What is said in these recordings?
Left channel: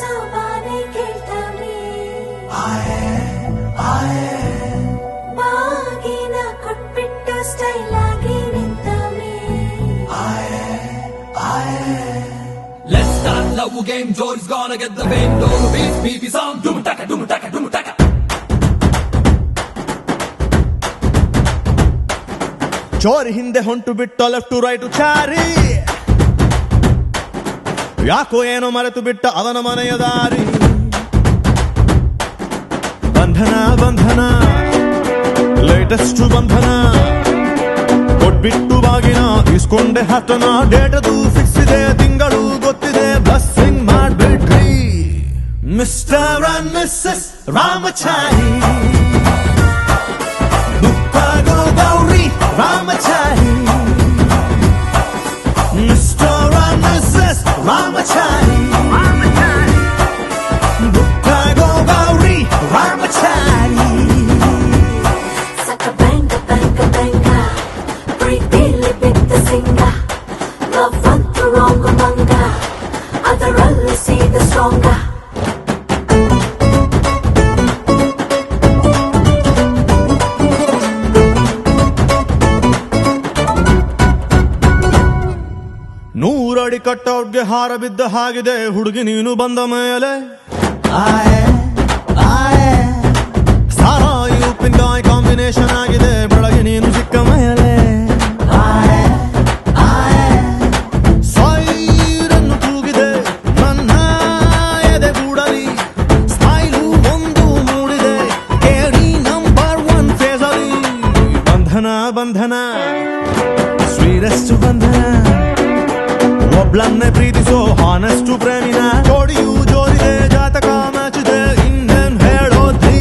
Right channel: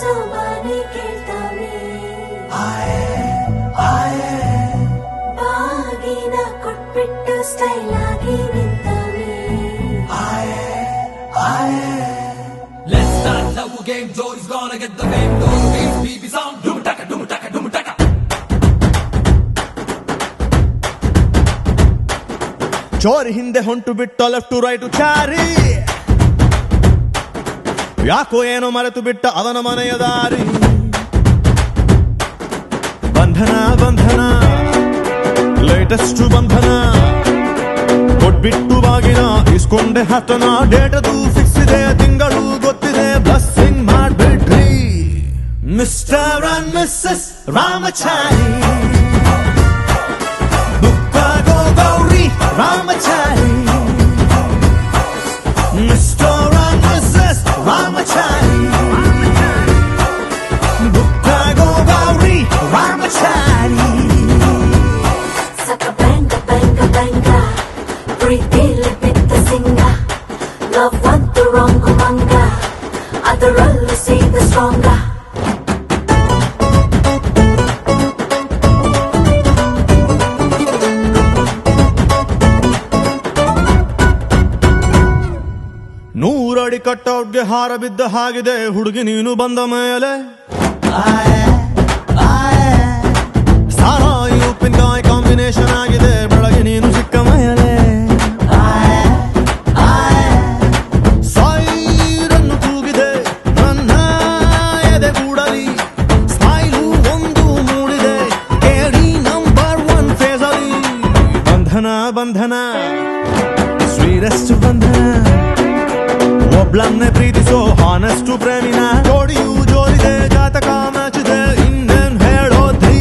ಸೋಬಾನೆ ಕೇಳ್ತಾವೆ ಬಾಗಿನ ಕೊಟ್ಬಿಟ್ಟು ಸ್ಟೈಲ್ ಆಗಿ ನಿಂತವೆ Let's start love game. Jory's gonna get the fame. Don't beat BB song. Doom taka, doom taka, doom taka. ಚೋರಿ ಹಿಂದೆ ಹೊಂಟು ಬಿಟ್ಟು left to right Chari ಯಾಕೋ ಏನೋ ಮರೆತು ಬಿಟ್ಟ ಅವನ ಮನೆಯ ದಾರಿ ಬಂಧನ ಬಂಧನ ಲೇಟೆಸ್ಟ್ ಬಂಧನ ಕೊಟ್ಬಿಟ್ಟು ಬಾಗಿನ ಇಸ್ಕೊಂಡೆ ಹತ್ತನ ಡೇಟದು ಫಿಕ್ಸ್ ಇದೆ ತಿಂಗಳು ಗೊತ್ತಿದೆ ಬ್ಲಸ್ಸಿಂಗ್ ಮಾಡ್ಬಿಟ್ರಿ ಮಿಸ್ಟರ್ ಅಂಡ್ ಮಿಸ್ಸಸ್ ರಾಮಚಾರಿ ಬುಕ್ಕಾಗೋ Gowri Ramachari mister and missus Ramachari ಬುಕ್ಕಾಗೋ ಗೌರಿ ರಾಮಚಾರಿ ಸಕ ಬ್ಯಾಂಗ ಬ್ಯಾಂಗ ಬ್ಯಾಂಗ ಪ್ರೀತಿಲಿ ಬಿದ್ದ ಸಿಂಗ ಲವ್ ಅಂತೂ ರಾಂಗ್ ಮಂಗ ಅದರಲ್ಲಿ ಸೀದ ಸ್ಟ್ರಾಂಗ ನೂರಡಿ ಕಟ್ಔಟ್ಗೆ ಹಾರ ಬಿದ್ದ ಹಾಗಿದೆ ಹುಡುಗಿ ನೀನು ಬಂದ ಮೇಲೆ ಸಾರಾಯಿ ಉಪ್ಪಿನಕಾಯಿ ಕಾಂಬಿನೇಷನ್ ಆಗಿದೆ ಬೆಳಗ್ಗೆ ನೀನು ಸಿಕ್ಕ ಮೇಲೆ ಸೈರನ್ನು ಕೂಗಿದೆ ನನ್ನ ಎದೆಗೂಡಲಿ ಸ್ಮೈಲು ಒಂದು ಮೂಡಿದೆ ಕೇಳಿ ನಂಬರ್ 1 ಫೇಸಲಿ ಬಂಧನ ಬಂಧನ ಸ್ವೀರೆಸ್ಟ್ ಬಂಧನ ಒಬ್ಳನ್ನೇ ಪ್ರೀತಿಸೋ ಹಾನೆಸ್ಟು ಪ್ರೇಮಿನ ಜೋಡಿಯು ಜೋರಿದೆ ಜಾತಕ ಮ್ಯಾಚಿದೆ ಇನ್ನೇನ್ ಹೇಳೋದ್ರಿ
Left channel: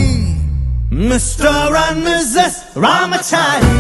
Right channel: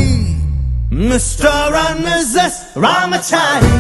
ಮಿಸ್ಟರ್ ಅಂಡ್ ಮಿಸ್ಸಸ್ ರಾಮಚಾರಿ